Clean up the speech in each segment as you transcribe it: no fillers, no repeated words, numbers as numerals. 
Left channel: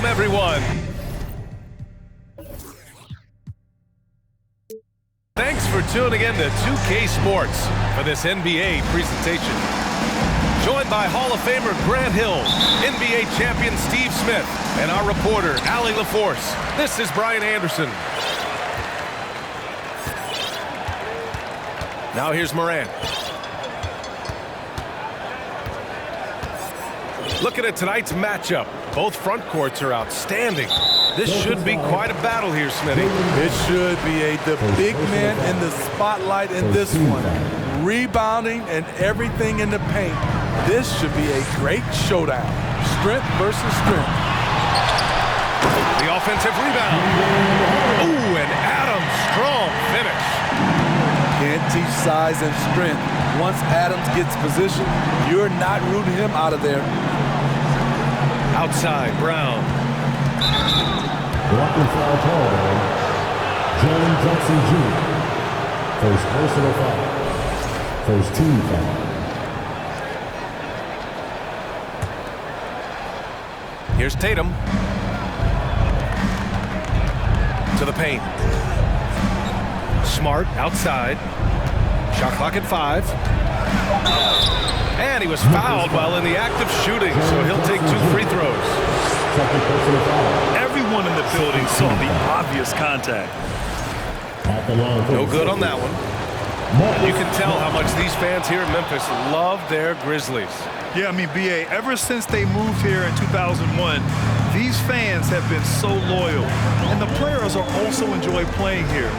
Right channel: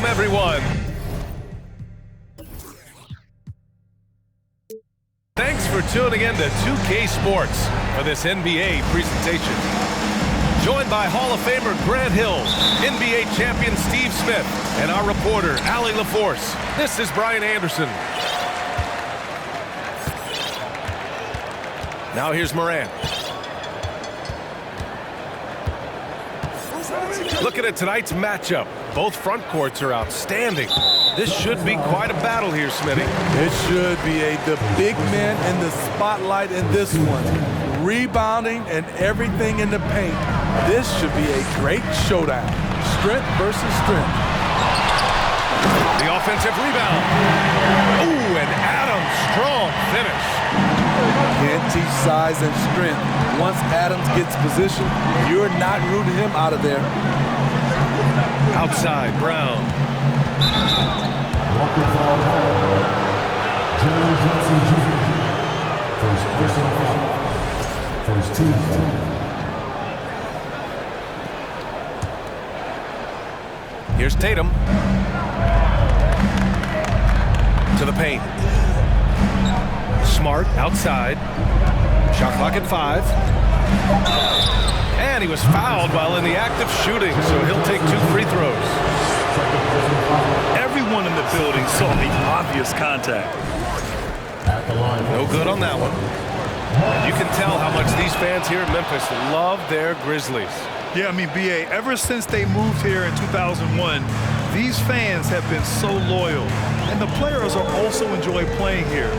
Welcome, everyone. Thanks for tuning in to 2K Sports for this NBA presentation. Joined by Hall of Famer Grant Hill, NBA champion Steve Smith, and our reporter, Allie LaForce. This is Brian Anderson. Now here's Morant. Looking at tonight's matchup, both front courts are outstanding. This should be quite a battle here, Smitty. It should be the big man in the spotlight in this one. Rebounding and everything in the paint. This should be a great showdown. Strength versus strength. The offensive rebound. Ooh, and Adams, strong finish. Can't teach size and strength. Once Adams gets position, you're not rooting him out of there. Outside, Brown. Walking foul call. Jalen Johnson Jr. First personal foul. First team foul. Here's Tatum. To the paint. Smart outside. Shot clock at 5. And he was fouled while in the act of shooting, so he'll take 2 free throws. Everyone in the building saw the obvious contact. No good on that one. And you can tell how much these fans here in Memphis love their Grizzlies. Yeah, I mean, B.A., ever since they moved here in 2001, these fans have been so loyal. And the players are also enjoy playing here.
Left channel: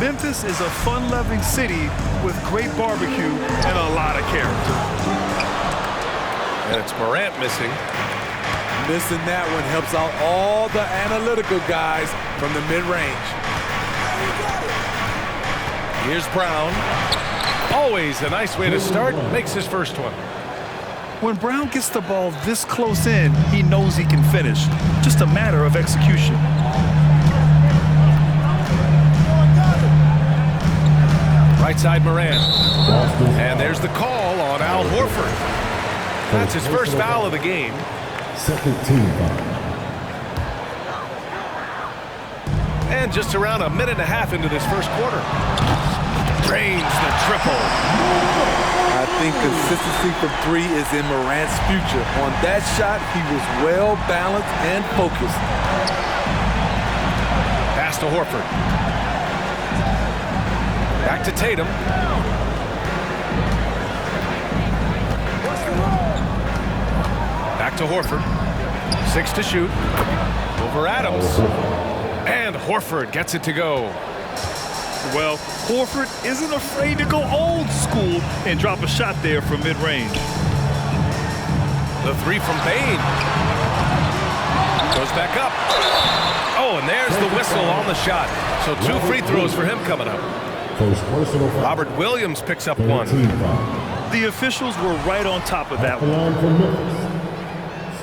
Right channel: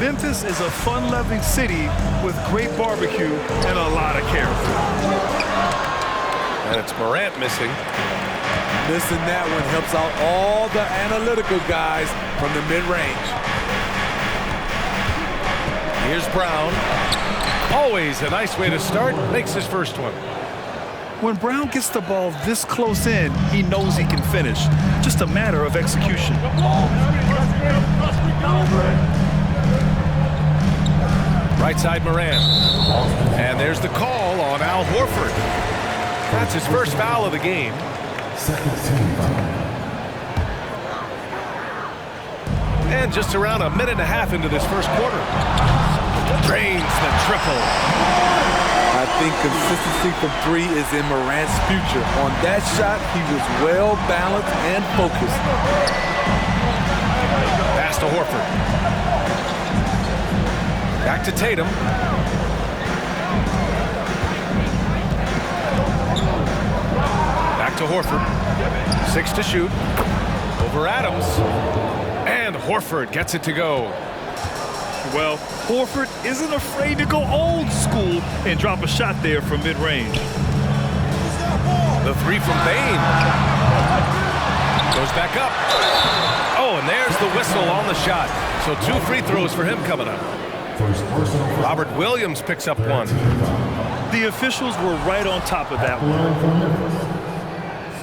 Memphis is a fun-loving city with great barbecue and a lot of character. And it's Morant missing. Missing that one helps out all the analytical guys from the mid-range. Here's Brown. Always a nice way to start. Makes his first one. When Brown gets the ball this close in, he knows he can finish. Just a matter of execution. Right side, Morant. And there's the call on Al Horford. That's his first foul of the game. Second team foul. And just around a minute and a half into this first quarter. Drains the triple. I think consistency from 3 is in Morant's future. On that shot, he was well balanced and focused. Pass to Horford. Back to Tatum. Back to Horford. 6 to shoot. Over Adams. And Horford gets it to go. Well, Horford isn't afraid to go old school and drop a shot there from mid-range. The 3 from Bane. Goes back up. Oh, and there's the whistle on the shot. So 2 free throws for him coming up. First personal foul. Robert Williams picks up 1. The officials were right on top of that one.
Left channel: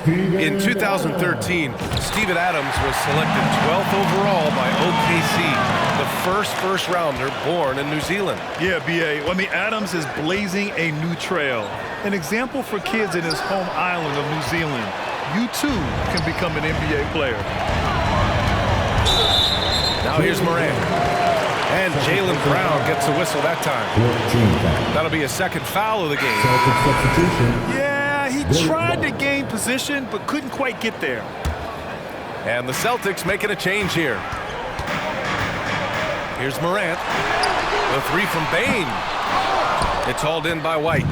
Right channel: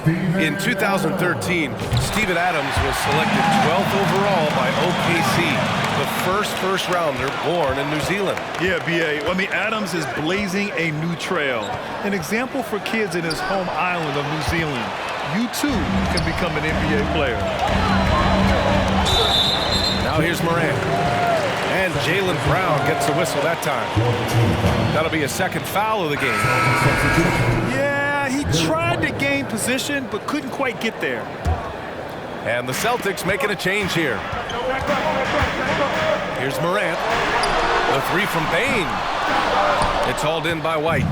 In 2013, Steven Adams was selected 12th overall by OKC, the first rounder born in New Zealand. Yeah, B.A. I mean, Adams is blazing a new trail. An example for kids in his home island of New Zealand. You, too, can become an NBA player. Now here's Morant. And Jaylen Brown gets a whistle that time. That'll be a second foul of the game. Yeah, he tried to gain position, but couldn't quite get there. And the Celtics making a change here. Here's Morant. The 3 from Bane. It's hauled in by White.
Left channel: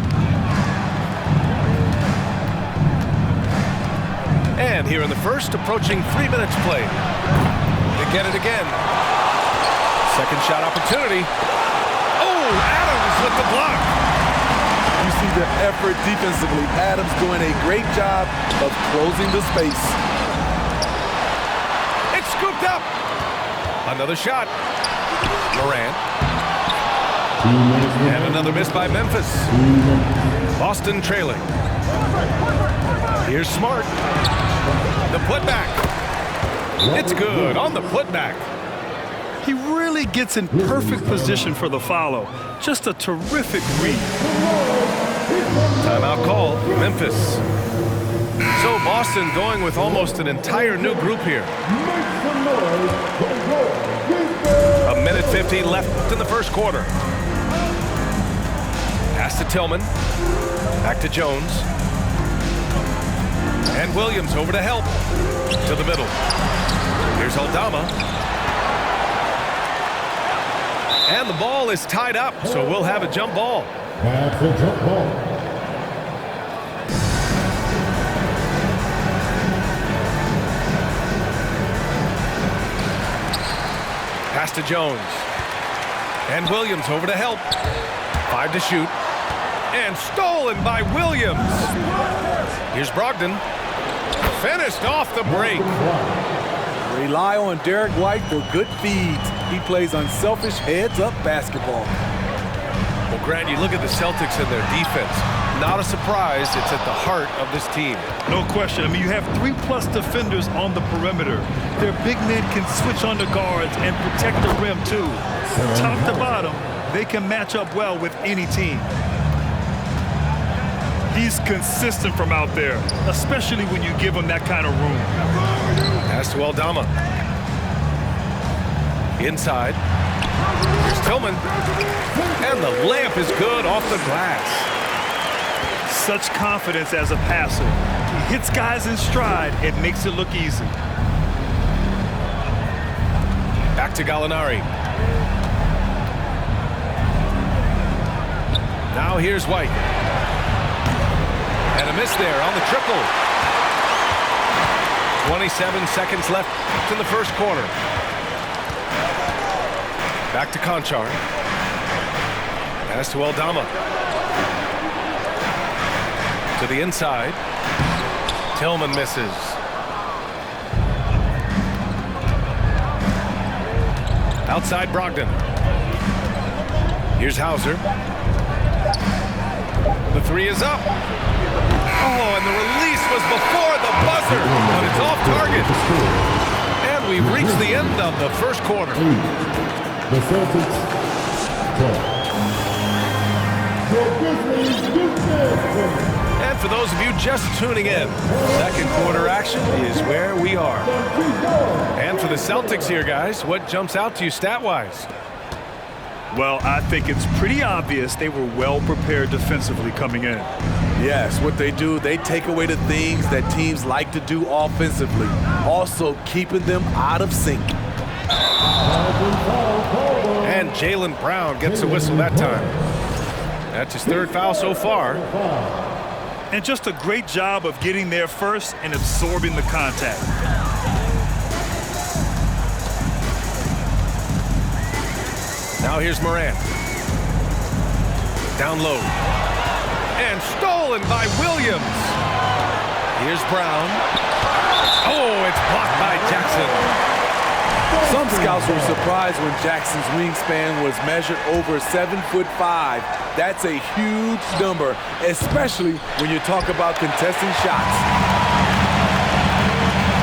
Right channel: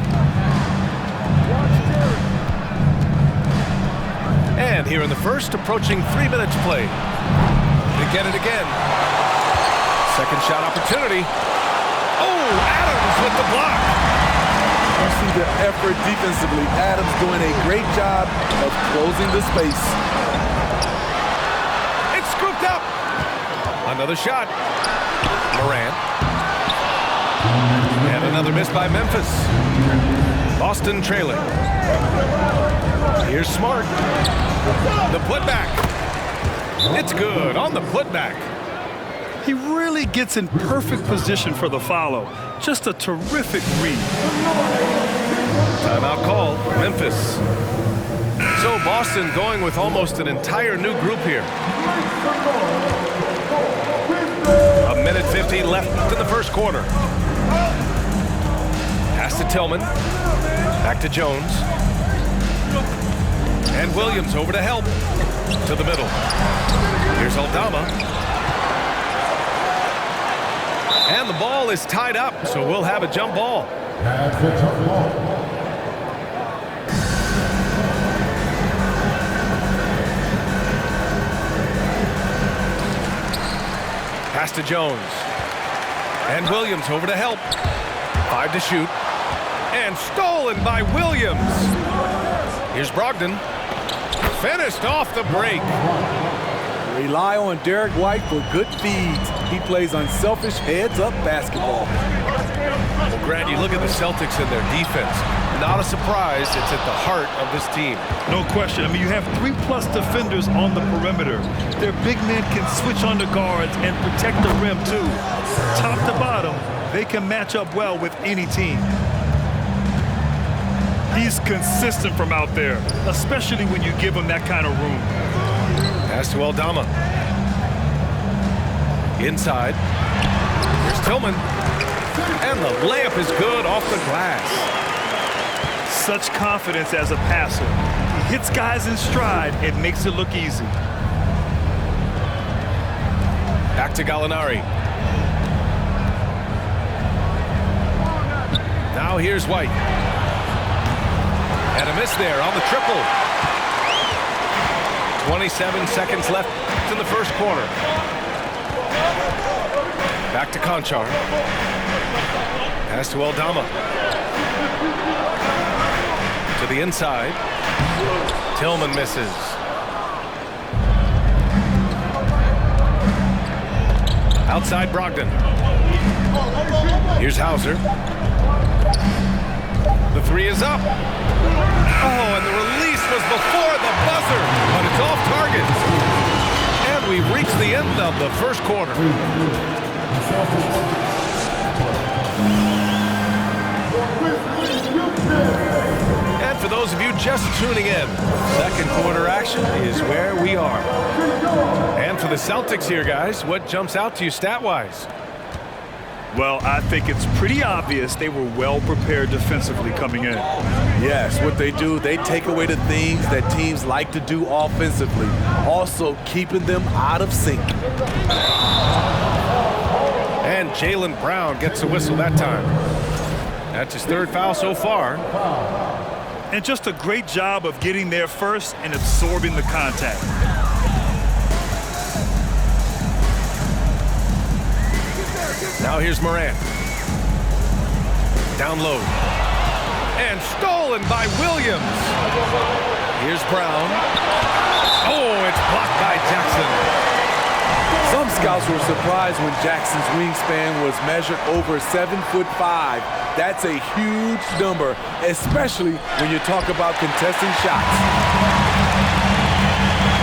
And here in the first, approaching 3 minutes played. They get it again. Second shot opportunity. Oh, Adams with the block. You see the effort defensively. Adams doing a great job of closing the space. It's scooped up. Another shot. Morant. And another miss by Memphis. Boston trailing. Here's Smart. The putback. It's good on the putback. He really gets in perfect position for the follow. Just a terrific read. Timeout call, Memphis. So Boston going with almost an entire new group here. A minute 50 left in the first quarter. Pass to Tillman. Back to Jones. And Williams over to help. To the middle. Here's Aldama. And the ball is tied up, so we'll have a jump ball. That's a jump ball. Pass to Jones. And Williams over to help. 5 to shoot. And stolen by Williams. Here's Brogdon. Finished off the break. Rely on Derek White for good feeds. He plays unselfish heads-up basketball. Well, Grant, you look at the Celtics and their defense. Not a surprise, it's at the heart of this team. No question. I mean, you have 3+ defenders on the perimeter. Their big men can switch on the guards and protect the rim, too. Top to bottom, they can match up well with any team. He's consistent from out there, especially when you give him that kind of room. Pass to Aldama. Inside. Here's Tillman. And the layup is good off the glass. Such confidence as a passer. He hits guys in stride. It makes it look easy. Back to Gallinari. Now here's White. And a miss there on the triple. 27 seconds left in the first quarter. Back to Conchar. Pass to Aldama. To the inside. Tillman misses. Outside Brogdon. Here's Hauser. The three is up. Oh, and the release was before the buzzer, but it's off target. And we've reached the end of the first quarter. The Celtics. And for those of you just tuning in, second quarter action is where we are. And for the Celtics here, guys, what jumps out to you stat-wise? Well, I think it's pretty obvious they were well prepared defensively coming in. Yes, what they do, they take away the things that teams like to do offensively, also keeping them out of sync. And Jaylen Brown gets a whistle that time. That's his third foul so far. And just a great job of getting there first and absorbing the contact. Now here's Morant. Down low. And stolen by Williams. Here's Brown. Oh, it's blocked by Jackson. Some scouts were surprised when Jackson's wingspan was measured over 7'5". That's a huge number, especially when you talk about contesting shots.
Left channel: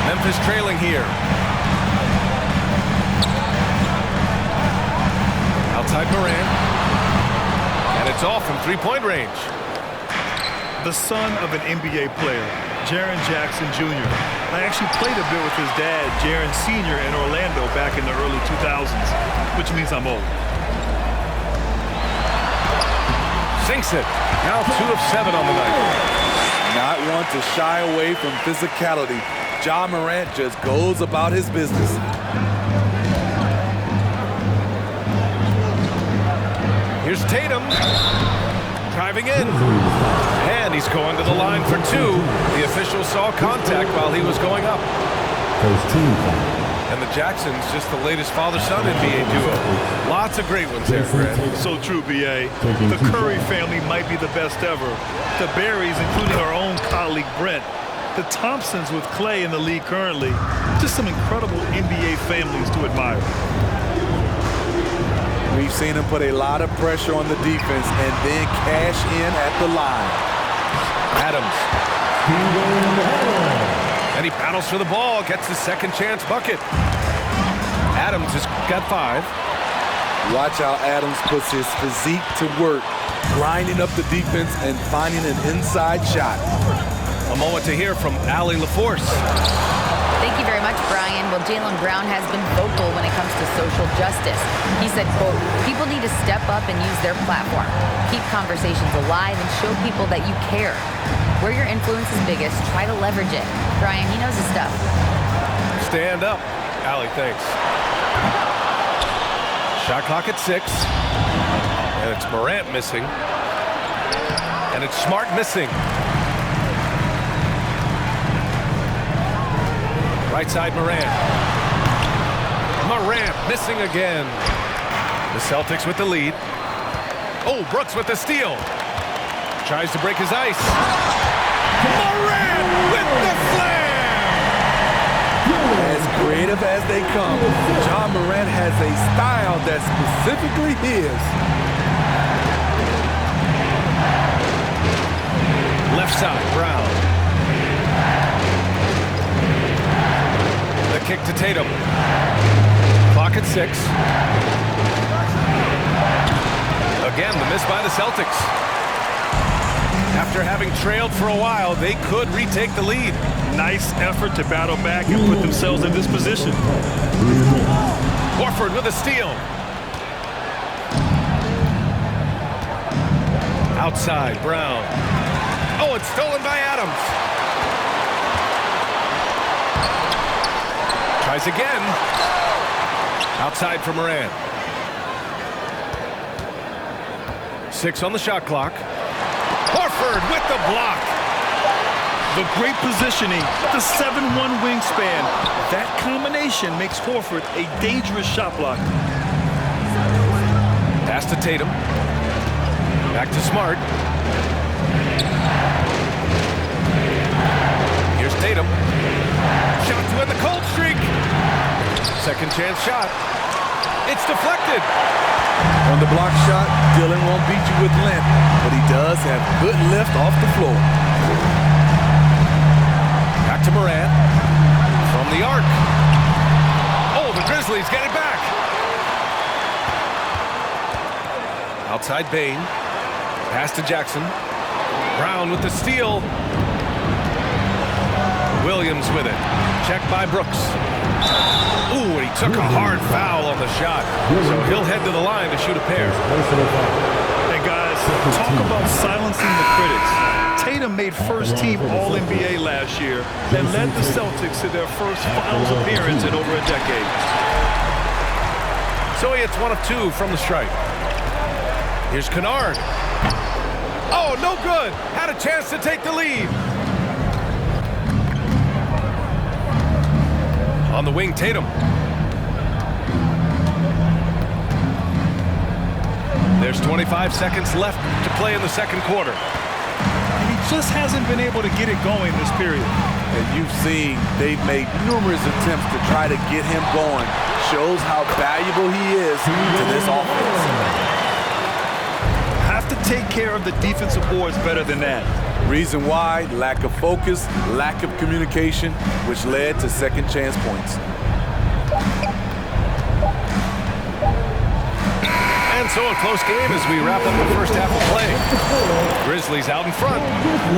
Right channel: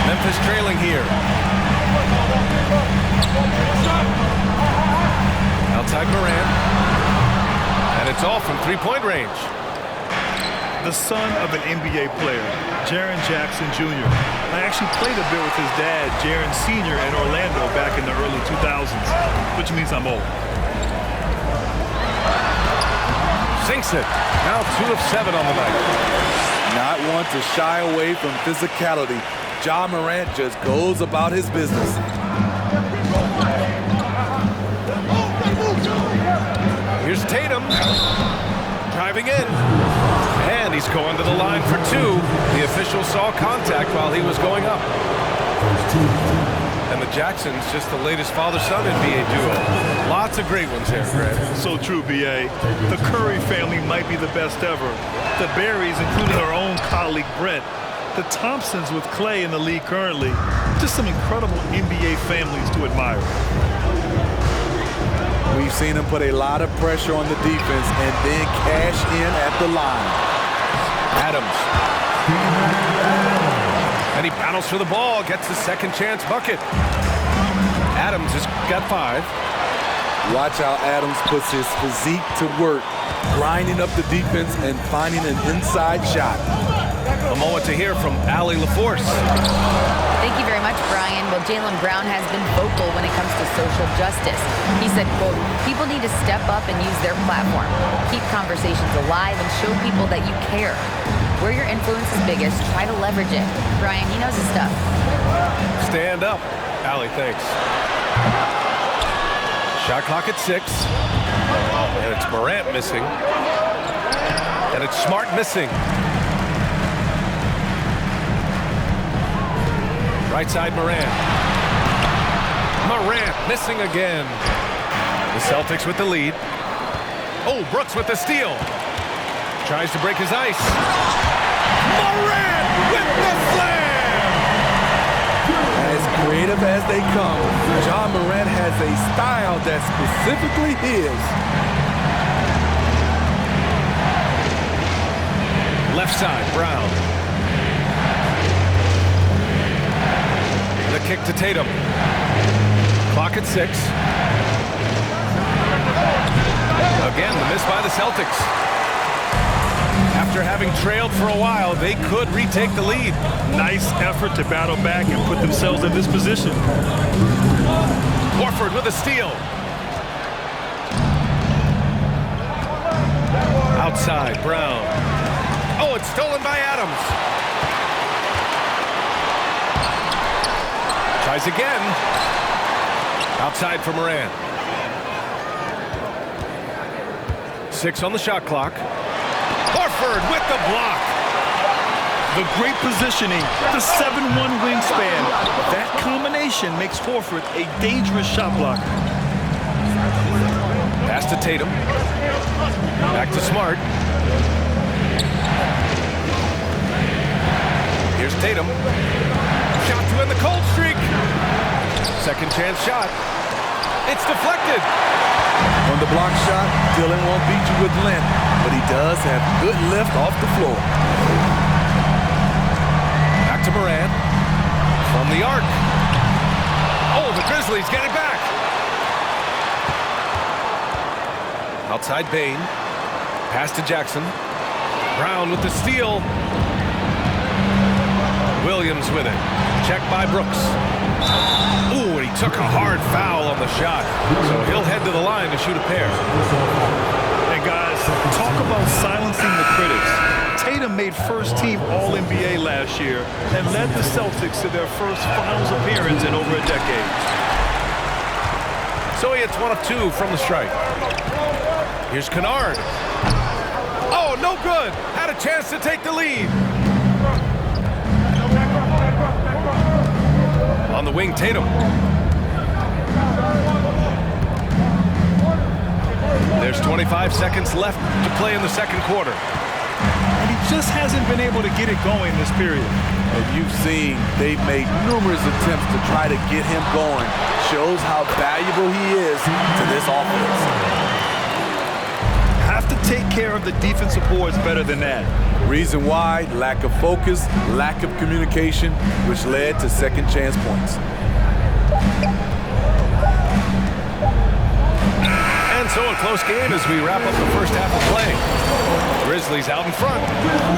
Memphis trailing here. Outside Morant. And it's off from three-point range. The son of an NBA player, Jaren Jackson Jr. I actually played a bit with his dad, Jaren Sr. in Orlando back in the early 2000s, which means I'm old. Sinks it. Now 2 of 7 on the night. Not one to shy away from physicality. Ja Morant just goes about his business. Here's Tatum. Driving in. And he's going to the line for 2. The official saw contact while he was going up. First team. And the Jacksons, just the latest father-son NBA duo. Lots of great ones there, Grant. So true, B.A. The Curry family might be the best ever. The Berrys, including our own colleague Brent. The Thompsons with Clay in the league currently. Just some incredible NBA families to admire. We've seen him put a lot of pressure on the defense and then cash in at the line. Adams. And he battles for the ball, gets the second chance bucket. Adams has got 5. Watch how Adams puts his physique to work, grinding up the defense and finding an inside shot. A moment to hear from Allie LaForce. Thank you very much, Brian. Well, Jaylen Brown has been vocal when it comes to social justice. He said, quote, people need to step up and use their platform. Keep conversations alive and show people that you care. Where your influence is biggest, try to leverage it. Brian, he knows his stuff. Stand up. Allie, thanks. Shot clock at 6. And it's Morant missing. And it's Smart missing. Right side, Morant. Morant missing again. The Celtics with the lead. Oh, Brooks with the steal. Tries to break his ice. Morant with the slam! As creative as they come, Ja Morant has a style that's specifically his. Left side, Brown. The kick to Tatum. Clock at 6. Again, the miss by the Celtics. After having trailed for a while, they could retake the lead. Nice effort to battle back and put themselves in this position. Horford with a steal. Outside, Brown. Oh, it's stolen by Adams. Tries again. Outside for Morant. 6 on the shot clock. Horford with the block. The great positioning, the 7'1" wingspan. That combination makes Horford a dangerous shot blocker. Pass to Tatum. Back to Smart. Here's Tatum. Shot to end the cold streak. Second chance shot. It's deflected. On the block shot, Dillon won't beat you with length, but he does have good lift off the floor. Back to Morant. From the arc. Oh, the Grizzlies get it back. Outside Bane. Pass to Jackson. Brown with the steal. Williams with it. Checked by Brooks. Ooh, and he took a hard foul on the shot. So he'll head to the line to shoot a pair. And guys, talk about silencing the critics. Tatum made first-team All-NBA last year and led the Celtics to their first finals appearance in over a decade. So he hits 1 of 2 from the stripe. Here's Kennard. Oh, no good. Had a chance to take the lead. On the wing, Tatum. There's 25 seconds left to play in the second quarter. And he just hasn't been able to get it going this period. And you've seen they've made numerous attempts to try to get him going. Shows how valuable he is to this offense. Have to take care of the defensive boards better than that. Reason why, lack of focus, lack of communication, which led to second chance points. And so a close game as we wrap up the first half of play. Grizzlies out in front,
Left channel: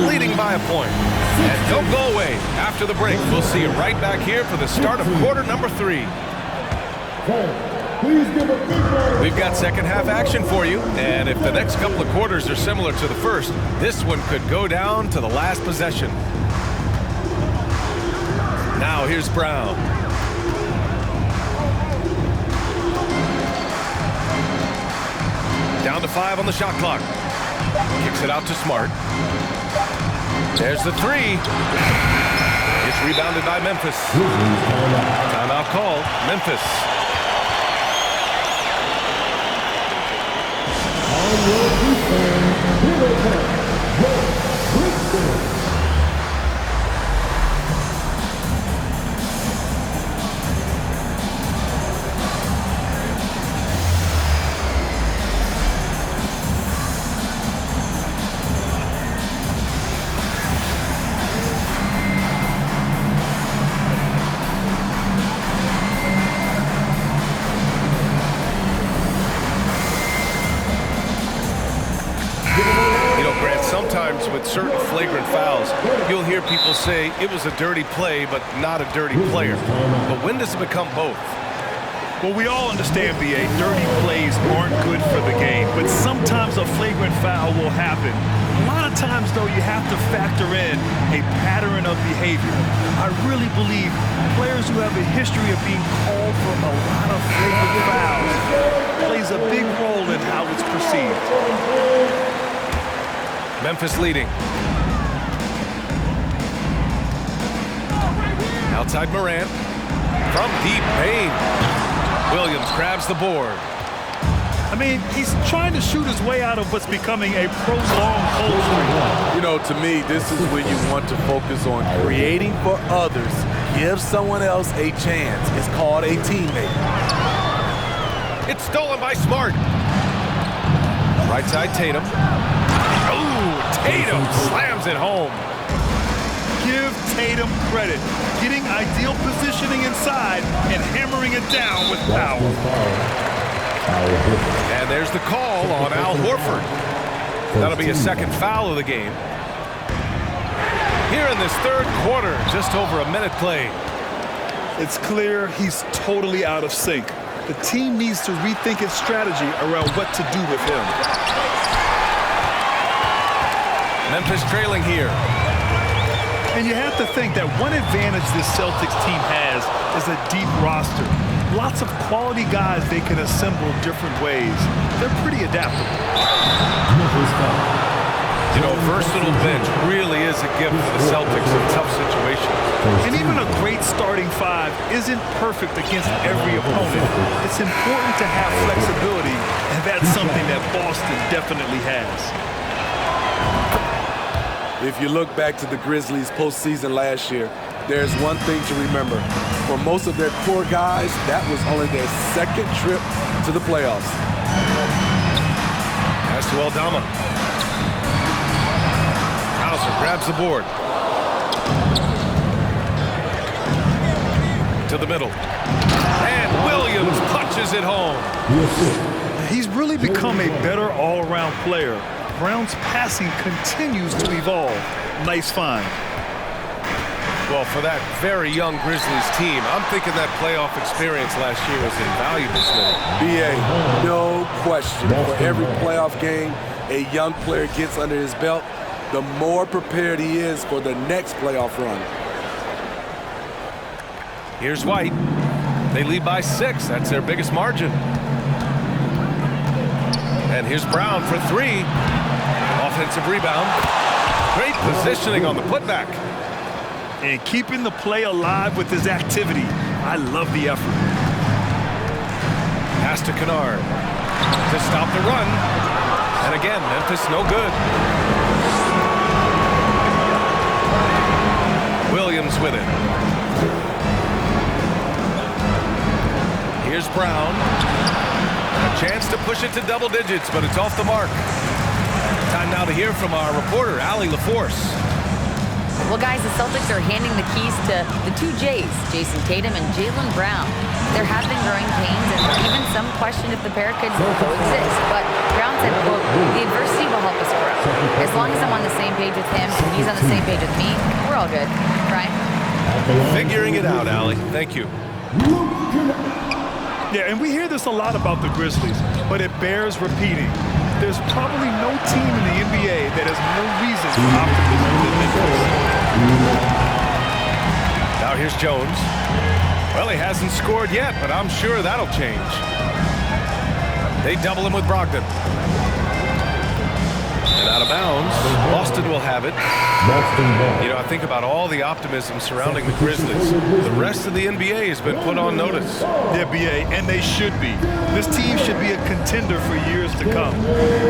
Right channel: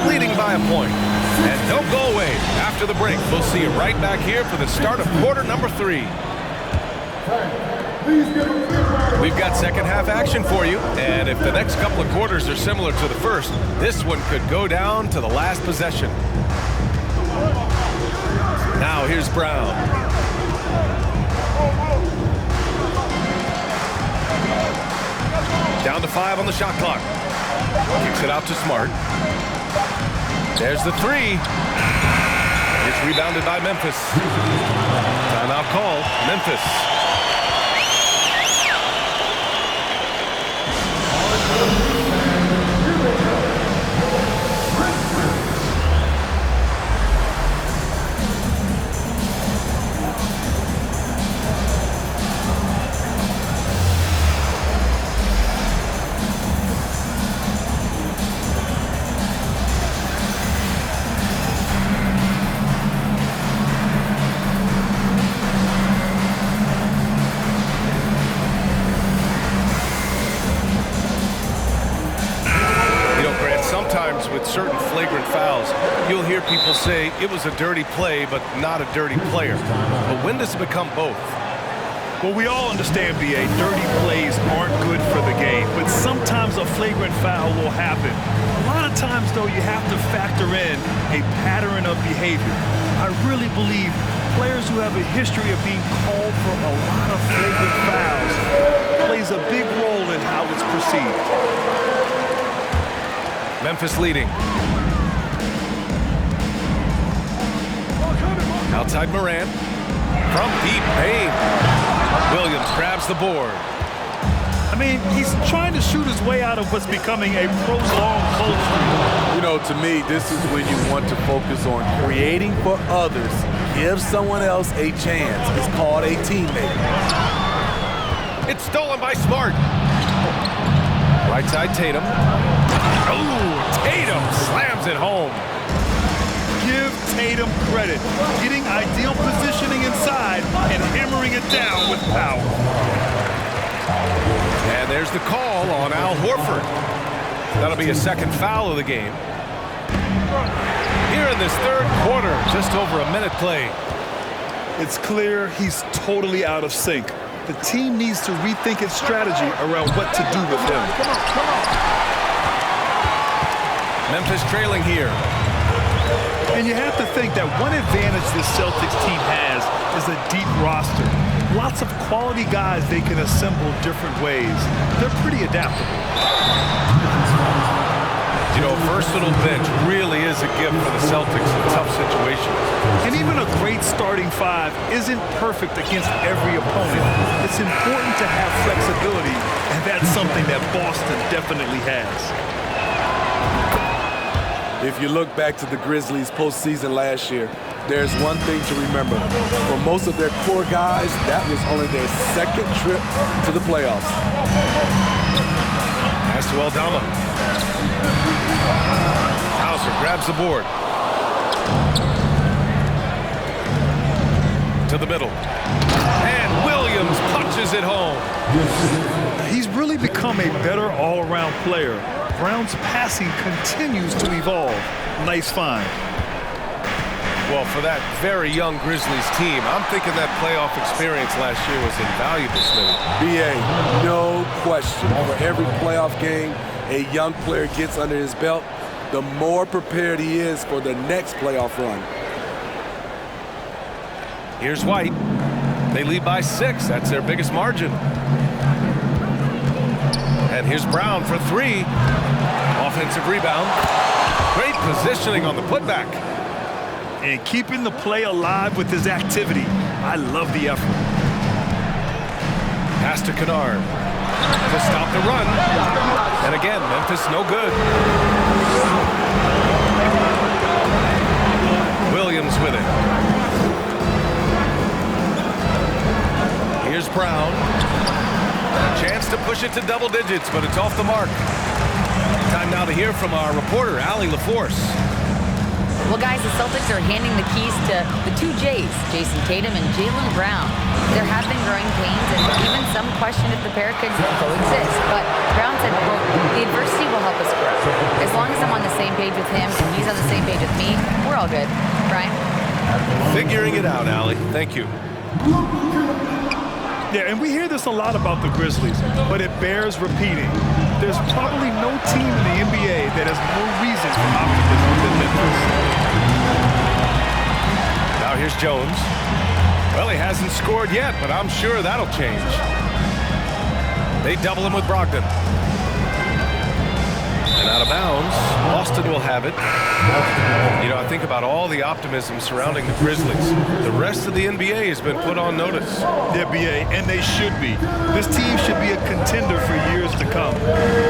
leading by a point. And don't go away. After the break, we'll see you right back here for the start of quarter number 3. We've got second half action for you, and if the next couple of quarters are similar to the first, this one could go down to the last possession. Now here's Brown. Down to 5 on the shot clock. Kicks it out to Smart. There's the 3. It's rebounded by Memphis. Timeout call, Memphis. sometimes with certain flagrant fouls, you'll hear people say it was a dirty play, but not a dirty player. But when does it become both? Well, we all understand, B.A., dirty plays aren't good for the game, but sometimes a flagrant foul will happen. A lot of times, though, you have to factor in a pattern of behavior. I really believe players who have a history of being called for a lot of flagrant fouls plays a big role in how it's perceived. Memphis leading. Outside Morant. From deep Payne. Williams grabs the board. I mean, he's trying to shoot his way out of what's becoming a prolonged cold streak. You know, to me, this is when you want to focus on creating for others. Give someone else a chance. It's called a teammate. It's stolen by Smart. Right side Tatum. Oh, Tatum slams it home. Give Tatum credit, getting ideal positioning inside and hammering it down with power. And there's the call on Al Horford. That'll be a second foul of the game. Here in this third quarter, just over a minute played. It's clear he's totally out of sync. The team needs to rethink its strategy around what to do with him. Memphis trailing here. And you have to think that one advantage this Celtics team has is a deep roster. Lots of quality guys they can assemble different ways. They're pretty adaptable. You know, a versatile bench really is a gift for the Celtics in tough situations. And even a great starting five isn't perfect against every opponent. It's important to have flexibility, and that's something that Boston definitely has. If you look back to the Grizzlies postseason last year, there's one thing to remember. For most of their core guys, that was only their second trip to the playoffs. Pass to Aldama. Hauser grabs the board. To the middle. And Williams punches it home. He's really become a better all-around player. Brown's passing continues to evolve. Nice find. Well, for that very young Grizzlies team, I'm thinking that playoff experience last year was invaluable, Smitty. BA, no question. For every playoff game a young player gets under his belt, the more prepared he is for the next playoff run. Here's White. They lead by 6. That's their biggest margin. And here's Brown for 3. Offensive rebound. Great positioning on the putback. And keeping the play alive with his activity. I love the effort. Pass to Kennard to stop the run. And again, Memphis no good. Williams with it. Here's Brown. A chance to push it to double digits, but it's off the mark. Time now to hear from our reporter, Allie LaForce. Well, guys, the Celtics are handing the keys to the 2 J's, Jason Tatum and Jaylen Brown. There have been growing pains, and even some question if the pair could coexist. But Brown said, quote, "The adversity will help us grow. As long as I'm on the same page with him and he's on the same page with me, we're all good." Brian? Figuring it out, Allie. Thank you. Yeah, and we hear this a lot about the Grizzlies, but it bears repeating. There's probably no team in the NBA that has more reason for optimism than Memphis. Now here's Jones. Well, he hasn't scored yet, but I'm sure that'll change. They double him with Brogdon. And out of bounds, Boston will have it. You know, I think about all the optimism surrounding the Grizzlies. The rest of the NBA has been put on notice. Yeah, BA, and they should be. This team should be a contender for years to come.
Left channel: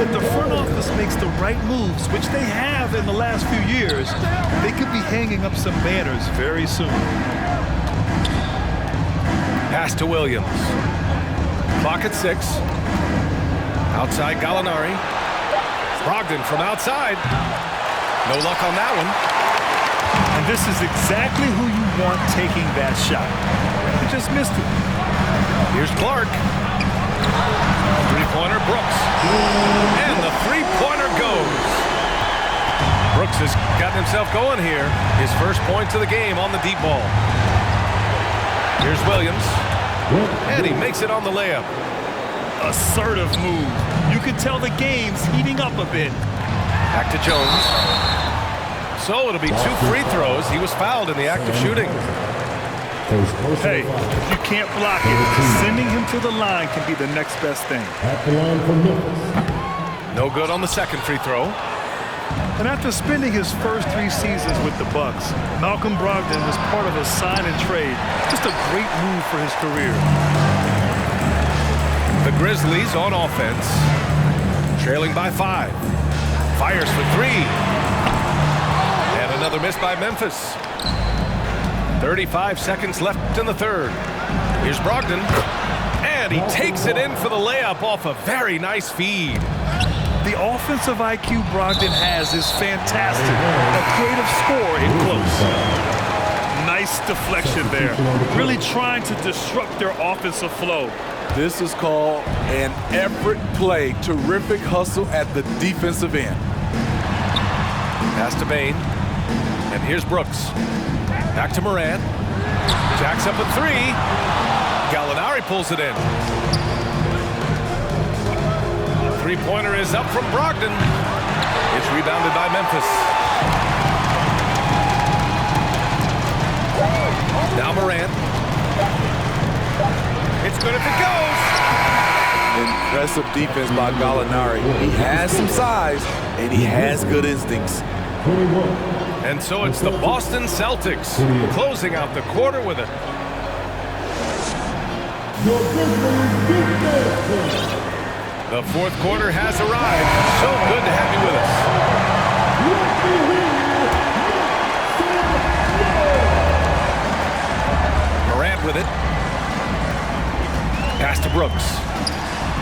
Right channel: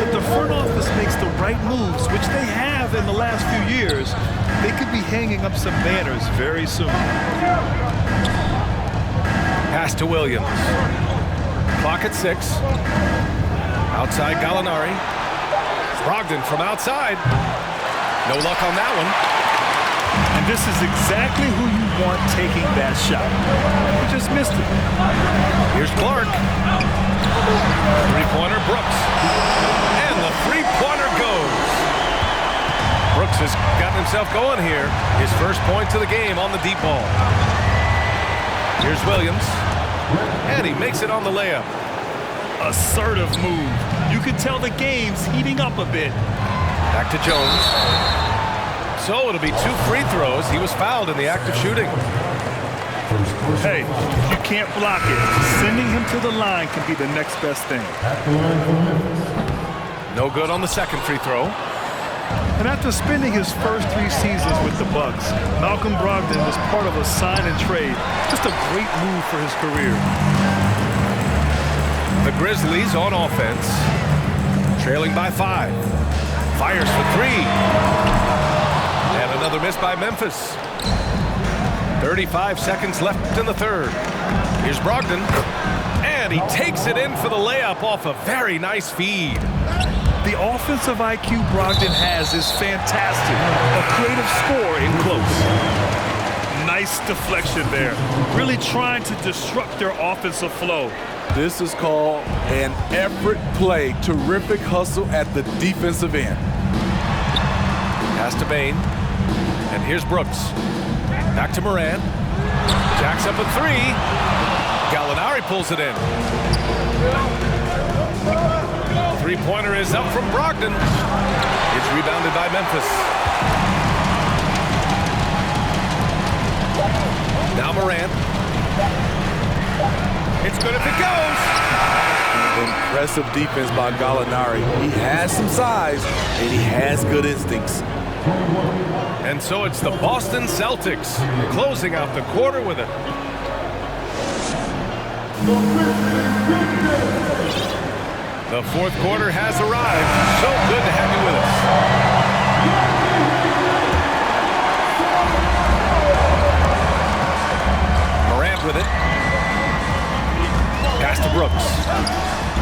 If the front office makes the right moves, which they have in the last few years, they could be hanging up some banners very soon. Pass to Williams. Clock at 6. Outside Gallinari. Brogdon from outside. No luck on that one. And this is exactly who you want taking that shot. He just missed it. Here's Clark. Three-pointer Brooks. And the three-pointer goes. Brooks has gotten himself going here. His first points of the game on the deep ball. Here's Williams. And he makes it on the layup. Assertive move. You can tell the game's heating up a bit. Back to Jones. So it'll be 2 free throws. He was fouled in the act of shooting. Hey, if you can't block it, sending him to the line can be the next best thing. At the line for Memphis. No good on the second free throw. And after spending his first 3 seasons with the Bucks, Malcolm Brogdon was part of a sign and trade. Just a great move for his career. The Grizzlies on offense, trailing by 5. Fires for 3. And another miss by Memphis. 35 seconds left in the third. Here's Brogdon. And he takes it in for the layup off a very nice feed. The offensive IQ Brogdon has is fantastic. A creative scorer in close. Nice deflection there. Really trying to disrupt their offensive flow. This is called an effort play. Terrific hustle at the defensive end. Pass to Bane. And here's Brooks. Back to Morant. Jacks up a 3. Gallinari pulls it in. Three-pointer is up from Brogdon. It's rebounded by Memphis. Now Morant. It's good if it goes. Impressive defense by Gallinari. He has some size, and he has good instincts. 21. And so it's the Boston Celtics closing out the quarter with it. The fourth quarter has arrived. So good to have you with us. Morant with it. Pass to Brooks.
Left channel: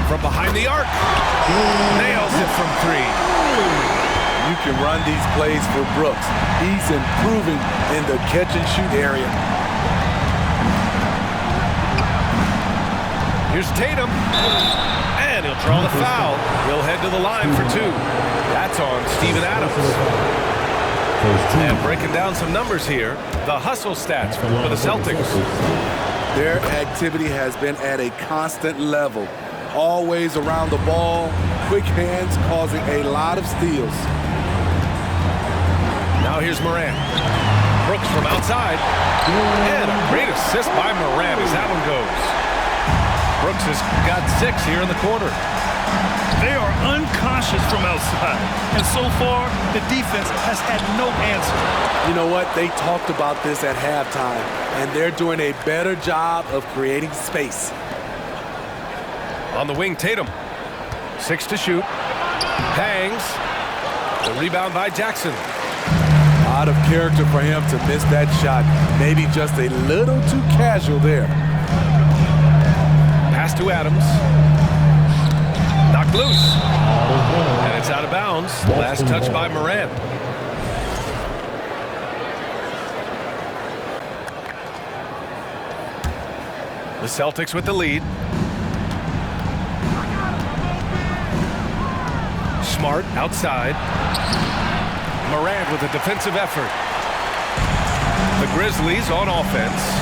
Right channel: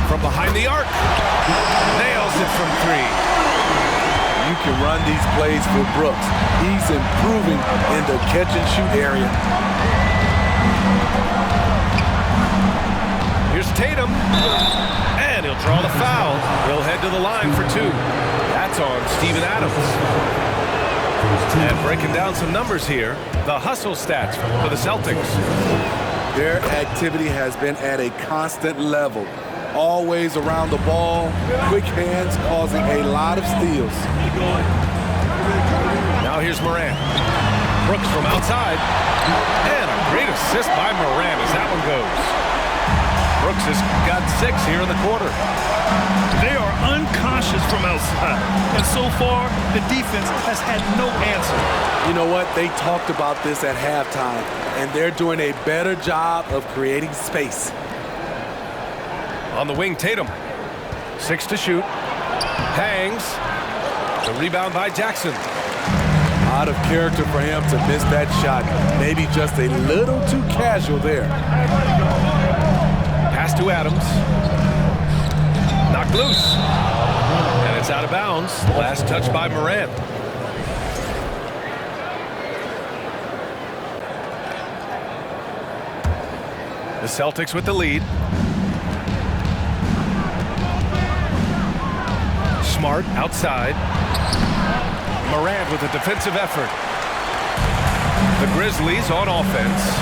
From behind the arc. Nails it from 3. You can run these plays for Brooks. He's improving in the catch-and-shoot area. Here's Tatum. And he'll draw the foul. He'll head to the line for 2. That's on Steven Adams. And breaking down some numbers here, the hustle stats for the Celtics. Their activity has been at a constant level. Always around the ball, quick hands causing a lot of steals. Now here's Morant. Brooks from outside. And a great assist by Morant as that one goes. Brooks has got 6 here in the quarter. They are unconscious from outside. And so far, the defense has had no answer. You know what? They talked about this at halftime, and they're doing a better job of creating space. On the wing, Tatum. 6 to shoot. Hangs. The rebound by Jackson. Out of character for him to miss that shot. Maybe just a little too casual there. Pass to Adams. Knocked loose. And it's out of bounds. Last touch by Morant. The Celtics with the lead. Smart outside. Morant with a defensive effort. The Grizzlies on offense.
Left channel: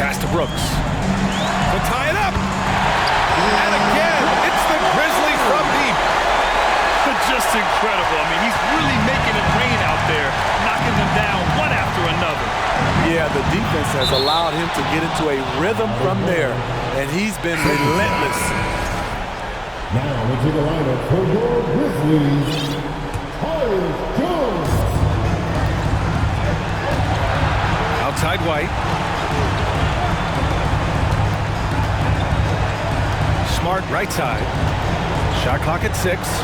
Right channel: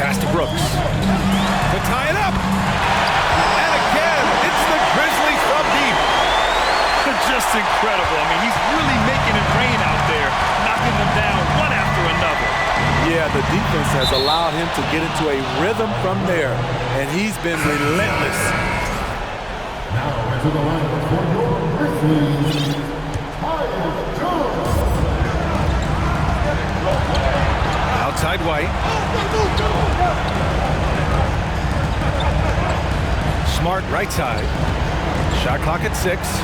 Pass to Brooks. To tie it up. And again, it's the Grizzlies from deep. Just incredible. I mean, he's really making it rain out there, knocking them down one after another. Yeah, the defense has allowed him to get into a rhythm from there, and he's been relentless. Now into the lineup for your Grizzlies, Tyus Jones. Outside White. Smart right side. Shot clock at 6.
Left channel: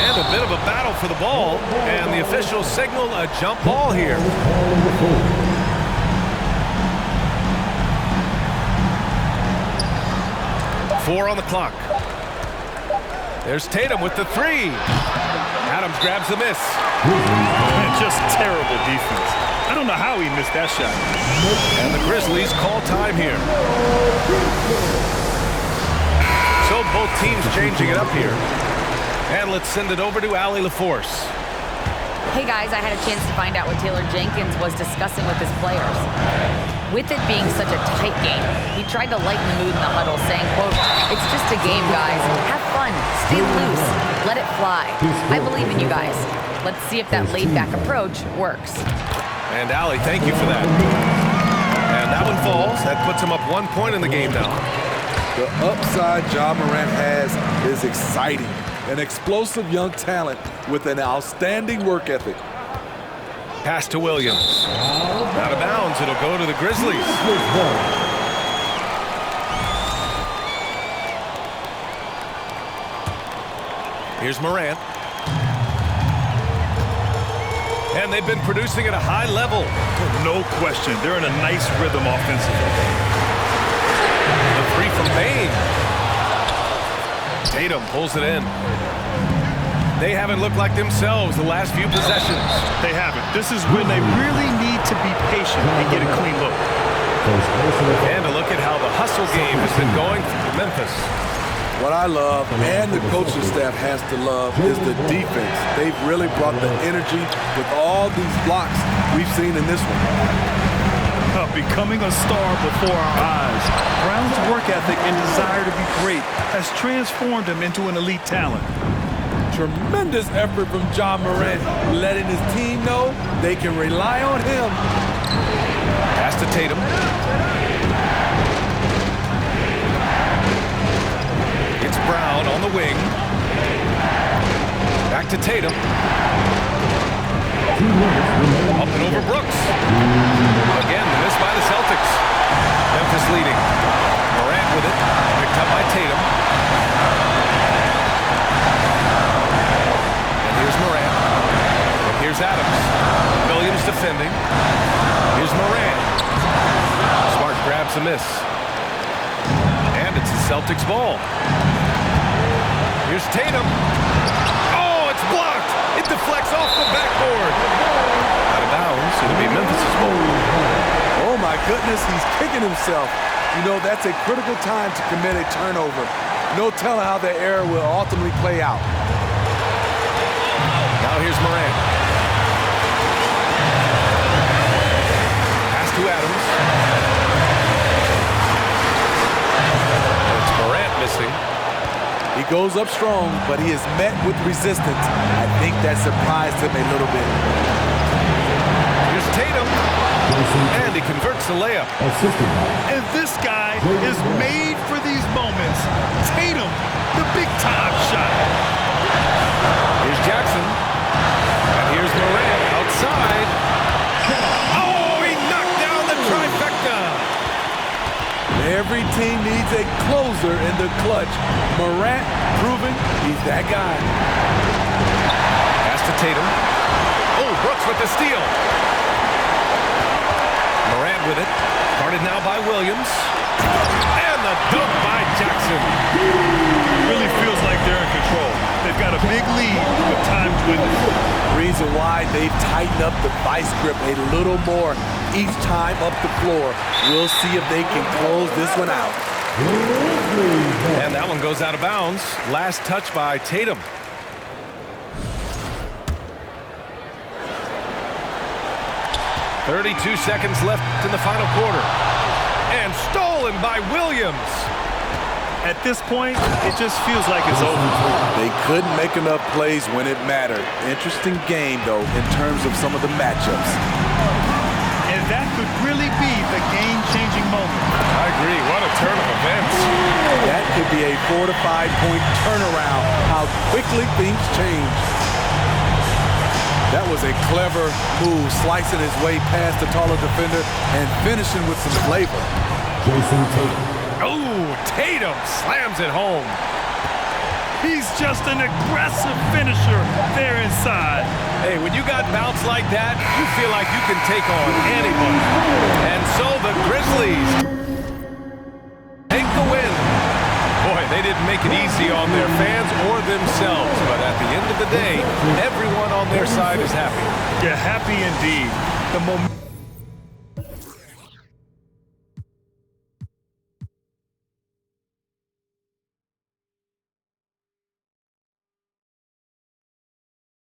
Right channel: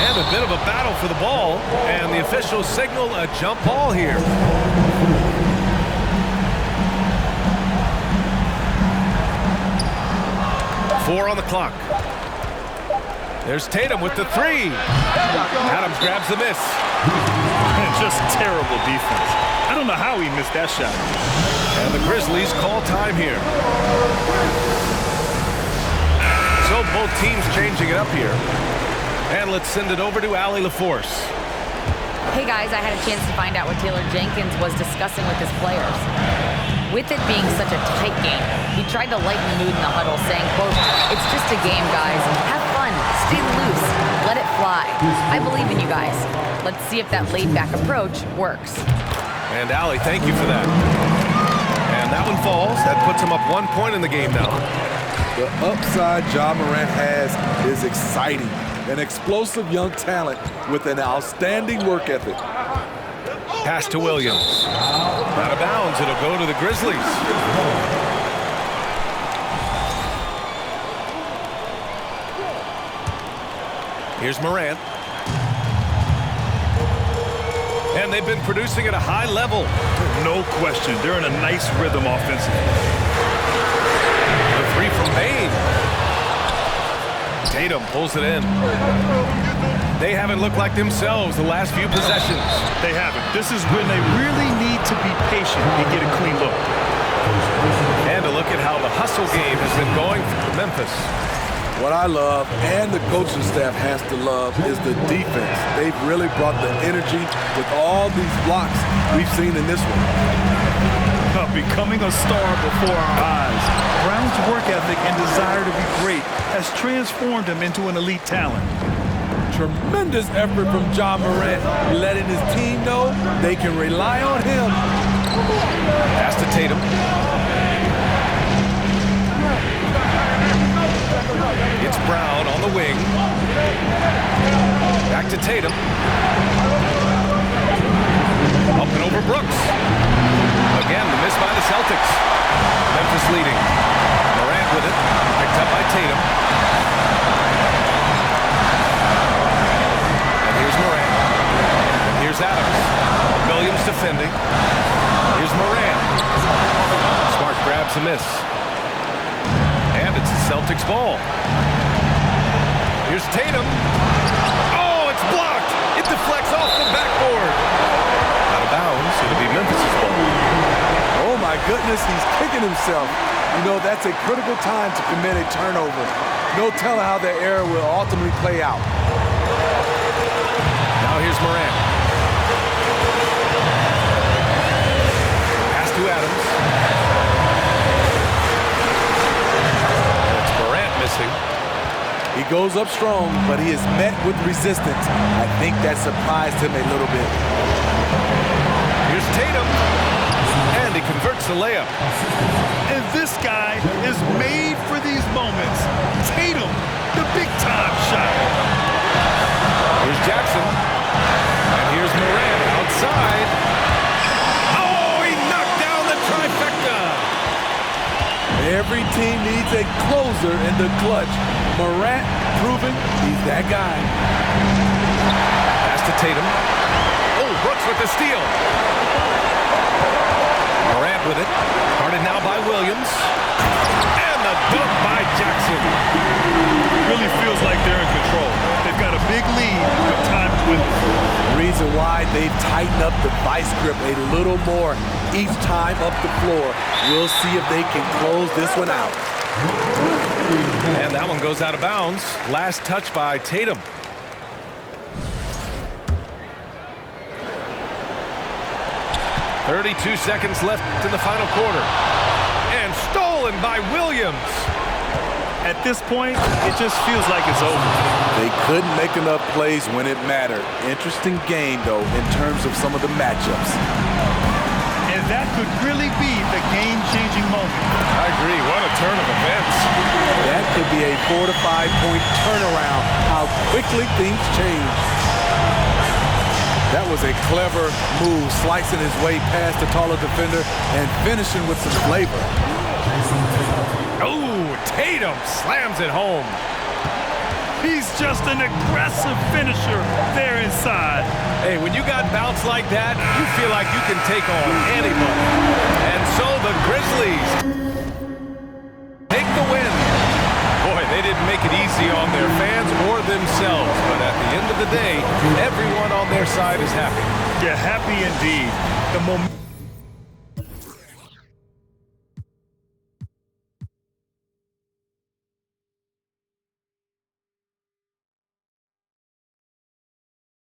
And a bit of a battle for the ball. And the officials signal a jump ball here. Four on the clock. There's Tatum with the 3. Adams grabs the miss. Just terrible defense. I don't know how he missed that shot. And the Grizzlies call time here. So both teams changing it up here. And let's send it over to Allie LaForce. Hey guys, I had a chance to find out what Taylor Jenkins was discussing with his players. With it being such a tight game, he tried to lighten the mood in the huddle, saying, quote, "It's just a game, guys. Have fun. Stay loose. Let it fly. I believe in you guys. Let's see if that laid-back approach works." And Allie, thank you for that. And that one falls. That puts him up 1 point in the game now. The upside Ja Morant has is exciting. An explosive young talent with an outstanding work ethic. Pass to Williams. Out of bounds. It'll go to the Grizzlies. Here's Morant. And they've been producing at a high level. No question. They're in a nice rhythm offensively. The three from Bane. Tatum pulls it in. They haven't looked like themselves the last few possessions. They haven't. This is when they really need to be patient and get a clean look. And a look at how the hustle game has been going for Memphis. What I love, and the coaching staff has to love, is the defense. They've really brought the energy with all these blocks we've seen in this one. Becoming a star before our eyes, Brown's work ethic and desire to be great has transformed him into an elite talent. Tremendous effort from Ja Morant, letting his team know they can rely on him. Pass to Tatum. It's Brown on the wing. Back to Tatum. Up and over Brooks. Again, the miss by the Celtics. Memphis leading. Morant with it. Picked up by Tatum. And here's Morant. And here's Adams. Williams defending. Here's Morant. Smart grabs a miss. And it's the Celtics ball. Here's Tatum. Oh, it's blocked. It deflects off the backboard. Out of bounds. It'll be Memphis's ball. Oh my goodness, he's kicking himself. You know, that's a critical time to commit a turnover. No telling how the error will ultimately play out. Now here's Morant. Pass to Adams. And it's Morant missing. He goes up strong, but he is met with resistance. I think that surprised him a little bit. Here's Tatum. And he converts the layup. And this guy is made for these moments. Tatum, the big-time shot. Here's Jackson. And here's Morant outside. Oh, he knocked down the trifecta. Every team needs a closer in the clutch. Morant proving he's that guy. Pass to Tatum. Oh, Brooks with the steal. Morant with it. Guarded now by Williams. And the dunk by Jackson. Really feels like they're in control. They've got a big lead, but time dwindles. Reason why they've tightened up the vice grip a little more each time up the floor. We'll see if they can close this one out. And that one goes out of bounds. Last touch by Tatum. .32 seconds left in the final quarter. And stolen by Williams. At this point, it just feels like it's over. They couldn't make enough plays when it mattered. Interesting game, though, in terms of some of the matchups. And that could really be the game-changing moment. I agree. What a turn of events. That could be a 4 to 5 point turnaround. How quickly things change. That was a clever move, slicing his way past the taller defender and finishing with some flavor. Jason Tatum. Oh, Tatum slams it home. He's just an aggressive finisher there inside. Hey, when you got bounce like that, you feel like you can take on anybody. And so the Grizzlies take the win. Boy, they didn't make it easy on their fans or themselves, but at the end of the day, everyone on their side is happy. Yeah, happy indeed. The momentum